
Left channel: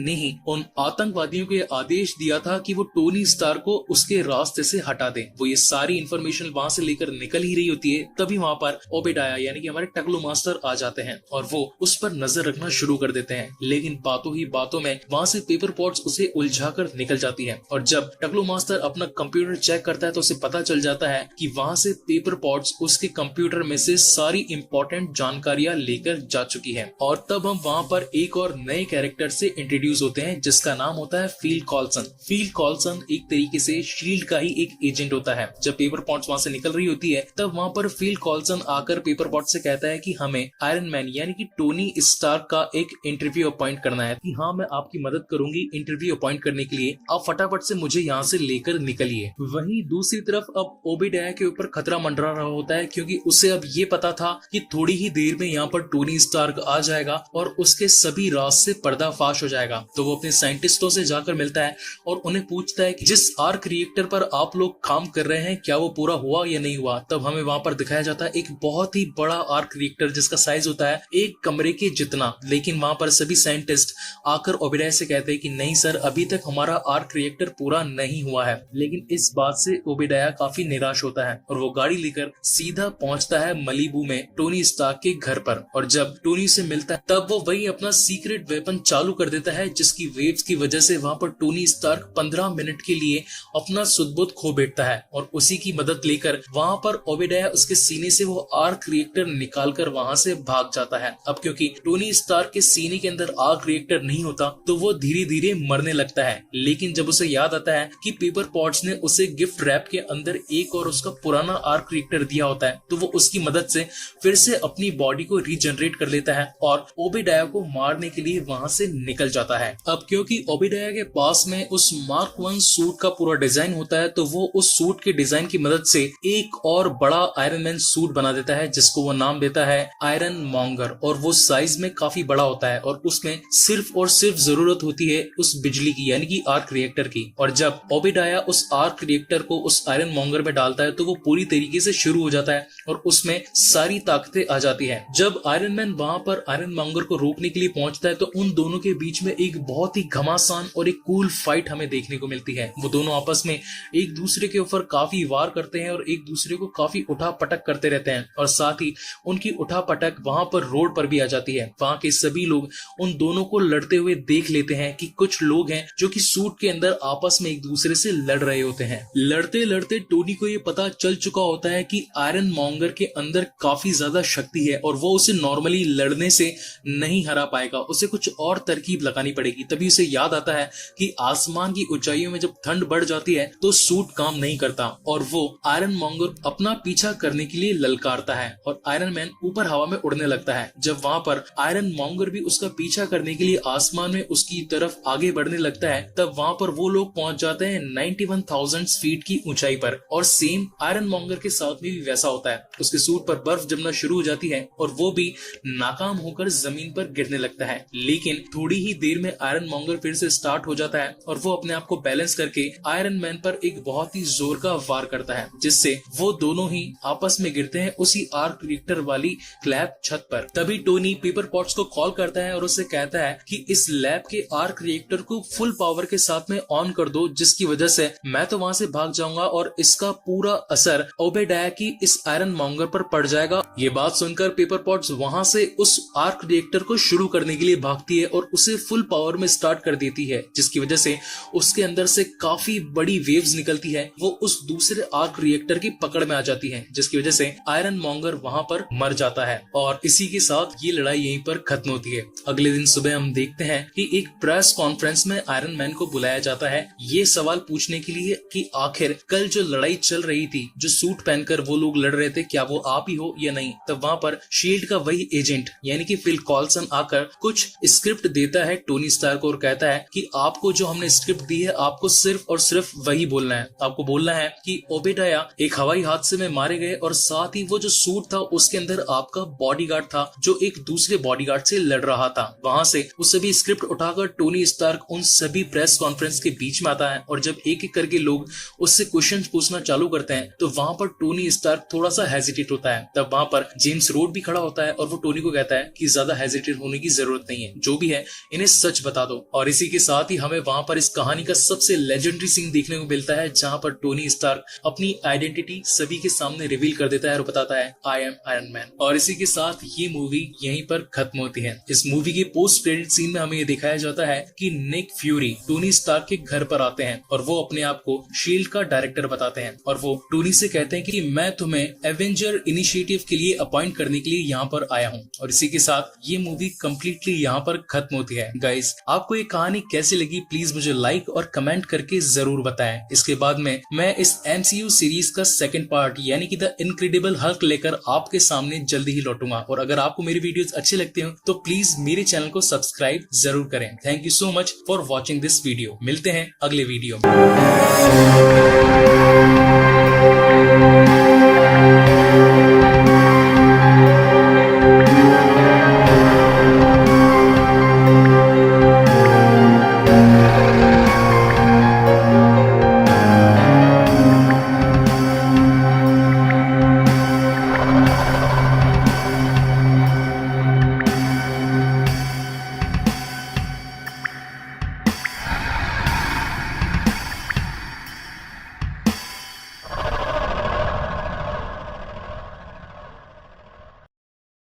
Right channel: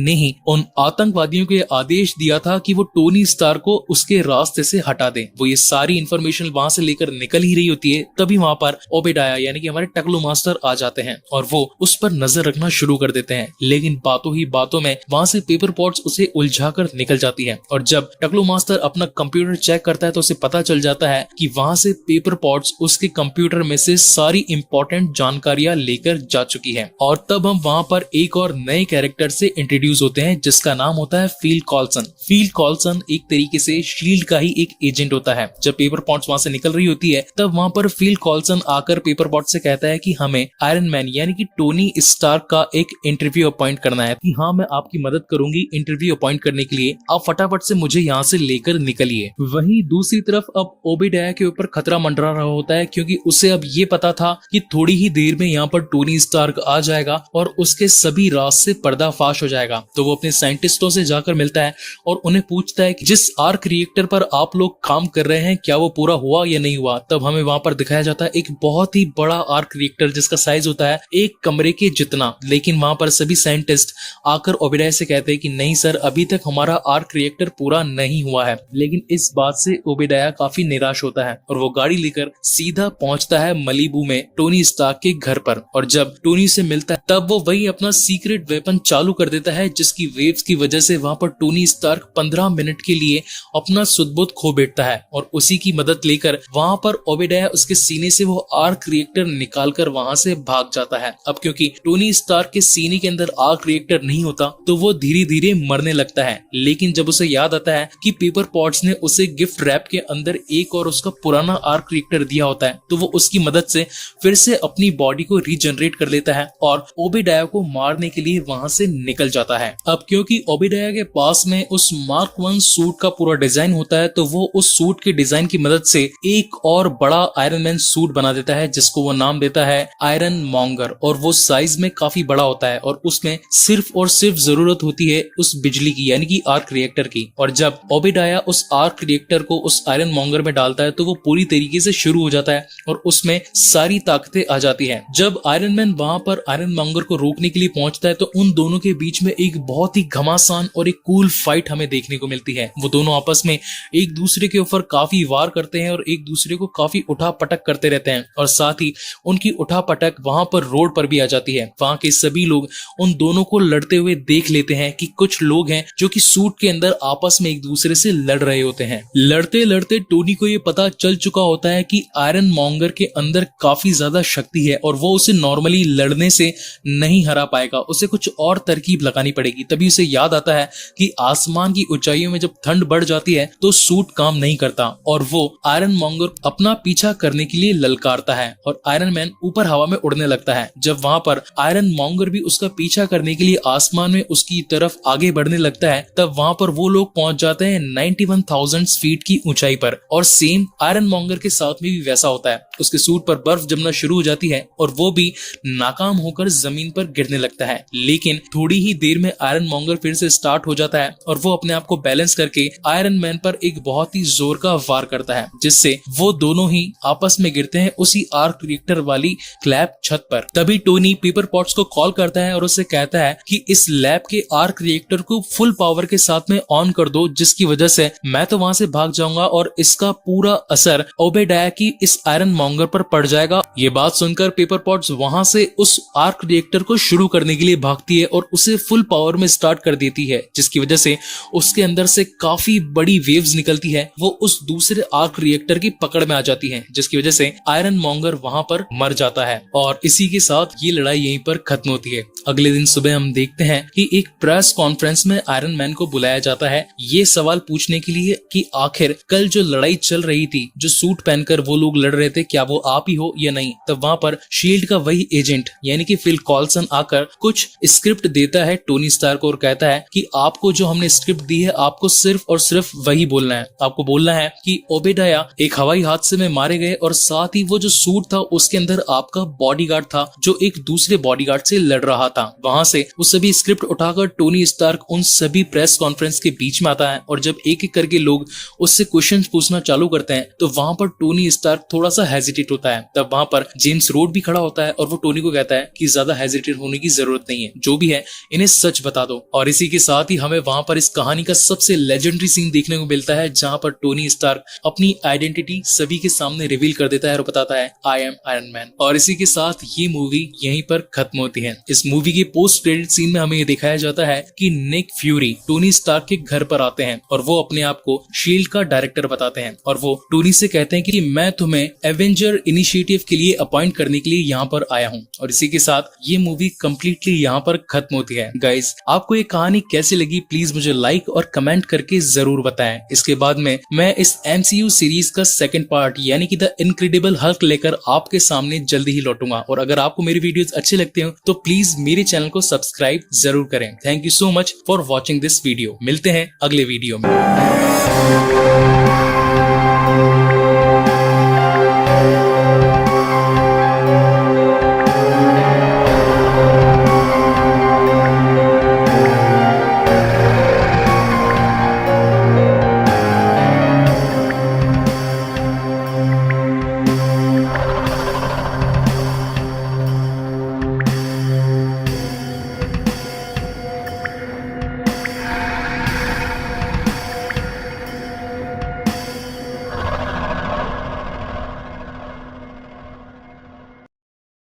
ने ही उन आतंकवादियों को आदेश दिया था कि वो टोनी स्टार को उसके रास्ते से हटा दे। वो ये सारी इंफॉर्मेशन वहां से लेकर निकल ही रही होती है, तभी वहां पर ओबेडाया यानी कि हमारे टकलू मास्टर आ जाते हैं और वो उस पर नजर रखना शुरू कर देते हैं। लेकिन बातों ही बातों में वहां से पेपर पॉट्स उसे उलझाकर निकल जाती है और जब टकलू मास्टर अपना कंप्यूटर चेक करता है तो उसे पता चल जाता है कि वहां से पेपर पॉट्स उसके कंप्यूटर में से सारी इंपॉर्टेंट जानकारियां लेकर जा चुकी है। और तब हम वहां पर एक और नए कैरेक्टर से इंट्रोड्यूस होते हैं जिसका नाम होता है फील कॉल्सन। फील कॉल्सन एक तरीके से शील्ड का ही एक एजेंट होता है। जब पेपर पॉट्स वहां से निकल रही होती है तब वहां पर फील कॉल्सन आकर पेपर पॉट से कहता है कि हमें आयरन मैन यानी कि टोनी स्टार्क का एक इंटरव्यू अपॉइंट करना है कि हाँ मैं आपकी मदद करूंगी इंटरव्यू अपॉइंट करने के लिए, आप फटाफट से मुझे यहाँ से लेकर निकलिए। वहीं दूसरी तरफ अब ओबेडाया के ऊपर खतरा मंडरा रहा होता है क्योंकि उसे अब ये पता था कि थोड़ी ही देर में यहाँ पर टोनी स्टार्क आ जाएगा और उसके सभी राज से पर्दाफाश हो जाएगा। तो वो अपने साइंटिस्टों से जाकर मिलता है और उन्हें पूछता है कि जिस आर्क रिएक्टर पर आप लोग काम कर रहे हैं क्या वो पूरा हुआ या नहीं हुआ। तब हमें वहां पर दिखाया जाता है एक बहुत ही बड़ा आर्क रिएक्टर जिसका साइज होता है एक कमरे के जितना। लेकिन वहां पर सभी साइंटिस्ट आकर ओबेडाया से कहते हैं कि नहीं सर, अभी तक हमारा आर्क रिएक्टर पूरा नहीं हुआ है। लेकिन इस बात से ओबेडाया काफी निराश होता है और वो गाड़ी लेकर सीधा पहुंचता है मलीबू में टोनी स्टार्क के घर पर। और जब टोनी से मिलता है तब वो वही अपना सीक्रेट वेपन चालू कर देता है जिसकी वेव्स की वजह से वहां पर टोनी स्टार्क 15 मिनट के लिए अपना सुध-बुध खो बैठता है और उसी की मदद लेकर वहां पर ओबेडाया उसके सीने से वो आर्क रिएक्टर निकालकर वहां से भाग जाता है। अब क्योंकि टोनी स्टार्क के सीने के अंदर आर्क रिएक्टर नहीं होता तो वो धीरे धीरे मरने लगता है। लेकिन जब उसे याद आता है कि पेपर पॉट्स ने उसे गिफ्ट रैप के अंदर एक और उसका पुराना आर्क रिएक्टर दिया होता है तो वो उसकी मदद से फिर से अपनी बॉडी को रीजनरेट कर लेता है और ओबेडाया को मारने के लिए वहां से निकल जाता है। अब क्योंकि ओबेडाया के पास में उस मार्क 1 सूट का पूरा डिजाइन होता है तो वो उस सूट के डिजाइन की मदद से एक और बड़ा आयरन मैन सूट बना देता है जिसको वो नाम देता है आयरन मॉन्गर। और वो साइज में काफी बड़ा होता है और उसमें सिर्फ और सिर्फ जरूरत होती है उस बिजली की यानी कि आर्क रिएक्टर की। और जब ओबेडाया उस आर्क रिएक्टर को उस आयरन मॉन्गर में डालता है तो वो पूरी तरीके से शुरू हो जाता है और उसमें सारी ताकतें आ जाती है। जब आयरन मैन वहां पर आयरन मॉन्गर को रोकने के लिए पहुंचता है तो उन दोनों के बीच में एक बहुत ही घमासान और एक कूल फाइट हमें देखने को मिलती है। वो दोनों आपस में एक दूसरे के ऊपर काफी वार करते हैं और एक दूसरे को काफी उठा पटक करते रहते हैं और साथ ही उनकी उठा पटक वहां पर रोड पर भी आ जाती है। वहां के सभी लोग उन दोनों को लड़ते हुए देख लेते हैं कि कुछ लोग हैं जो कि सूट के अंदर आपस में एक दूसरे से लड़ रहे होते हैं। लड़ते लड़ते टोनी को ये पता चल चुका होता है कि आयरन मॉन्गर के अंदर काफी ज्यादा शक्ति है और वो उसे नॉर्मली लड़ने से नहीं हरा पाएगा, उसे कुछ और तरकीब लगानी पड़ेगी। तभी उसे याद आता है कि आसमान की ऊंचाइयों में जब ठंड बढ़ जाती है तो सूट काम नहीं करता और वो आयरन मॉन्गर अपना पीछा करने के लिए ललकारता है और आयरन मैन ऊपर हवा में उड़ने लगता है। जब वहां पर आयरन मॉन्गर भी उसका पीछा करने के लिए आसमान में उसकी तरफ आगे बढ़ने लगता है तब वहां पर वो लोग पहुंच जाते हैं 91,000 फीट की ऊंचाई पर। और सेम आयरन मॉन्गर के साथ में भी वैसा होता है, उसके सूट पर बर्फ जमना शुरू हो जाती है और वो भी नाकाम होकर जमीन पर गिरने लगता है। लेकिन थोड़ी ही देर में आयरन मॉन्गर फिर से स्टार्ट हो जाता है और वो अपने आप को बैलेंस करके आयरन मैन पर एक बहुत ही जोर का वार करता है जिससे वो दोनों ही आपस में गिरते हैं उसी आर्क रिएक्टर वाली क्लैप छत पर। तभी टोनी पेपर पॉट्स को कॉल करता है और उससे कहता है कि इस लैब के आर्क रिएक्टर को फुल पावर के साथ में ऑन कर दो जिसकी वजह से मैं तो वहां से भाग जाऊंगा और इसका पूरा असर ओबेडाया की इस आयरन मॉन्गर पर पड़ जाएगा। ये बात सुनकर पेपर पॉट्स वहां से उस आर्क रिएक्टर को शुरू करने के लिए भागती है और उसे फुल पावर में स्टार्ट कर देती है जिसकी वजह से उसके अंदर से काफी बड़ी वेव्स निकलती है। वो उस दूसरे आर्क रिएक्टर की पकड़ में आ जाती है जिसकी वजह से आयरन मॉन्गर वहां पर मर जाता है और इसी के साथ ये लड़ाई यहीं पर खत्म होती है। अगले दिन सुबह हम देखते हैं कि एक प्रेस कॉन्फ्रेंस में आयरन मैन को बुलाया जाता है ये सवाल पूछने के लिए कि आखिर कल जो लड़ाई चल रही थी, जो सूट पहनकर वो लोग लड़ रहे थे, क्या वो आप ही हो या नहीं। तब वहां पर शील्ड का वही एजेंट यानी कि कि फिल कॉल्सन आकर कुछ स्क्रिप्ट देता है टोनी स्टार्क को और कहता है कि आपको जो हमने स्क्रिप्ट दी है आपको सिर्फ और सिर्फ वही बोलना है। आपको बोलना है कि ओबेडाया एक हवाई हादसे में मारे गए और साथ ही वो जो सूट था उसके अंदर आपका बॉडीगार्ड था जो एक दूसरे बॉडीगार्ड से लड़ रहा था। वहां से वो सभी स्क्रिप्ट उठाकर टोनी स्टार्क उन सभी प्रेस कॉन्फ्रेंस के बीच में आता है और जब एक एक करके लोग उससे क्वेश्चन पूछना चालू करते हैं तो वहां पर टोनी स्टार्क थोड़ा सा हेजिटेट होता है। तब वहां पर जेम्स रोड भी खड़ा होता है और वो टोनी को कहता है कि ज्यादा हेजिटेट होने की जरूरत नहीं है, जो भी है इन्हें सच बता दो। और इसी के साथ ही हमें वहां पर इस कहानी का सबसे लेजेंडरी सीन देखने को मिलता है जहां पर टोनी स्टार्क अपनी आइडेंटिटी सभी के सामने रिवील कर देता है और बताता है आई एम आयरन मैन। और इसी के साथ ये मूवी यहीं पर खत्म होती है। इस मूवी के पोस्ट क्रेडिट सीन में हमें ये दिखाया जाता है कि निक फ्यूरी टोनी स्टार्क के घर पर आते हैं और वो अपने आप को शील्ड का डायरेक्टर बताते हैं और वो टोनी से कहते हैं कि मैं तुम्हें एवेंजर इनिशिएटिव के लिए अपॉइंट करने के लिए यहाँ पर आया हूँ। और इसी के साथ ये मूवी कम्प्लीटली यहाँ पर खत्म होती है। गाइज, आपको ये कहानी कैसी लगी प्लीज मुझे लाइक और कमेंट करके जरूर बताएं। इसके बाद में मैं इस MCU सीरीज का सेकंड पार्ट यानी कि द इनक्रेडिबल हल्क लेकर आपके सामने जल्दी ही लौटूंगा। और अगर आपको मेरी वीडियोस अच्छे लगते हो तो प्लीज मेरे चैनल को सब्सक्राइब जरूर करें। Thank you so much for watching this video. मिलते हैं अगले वीडियो में।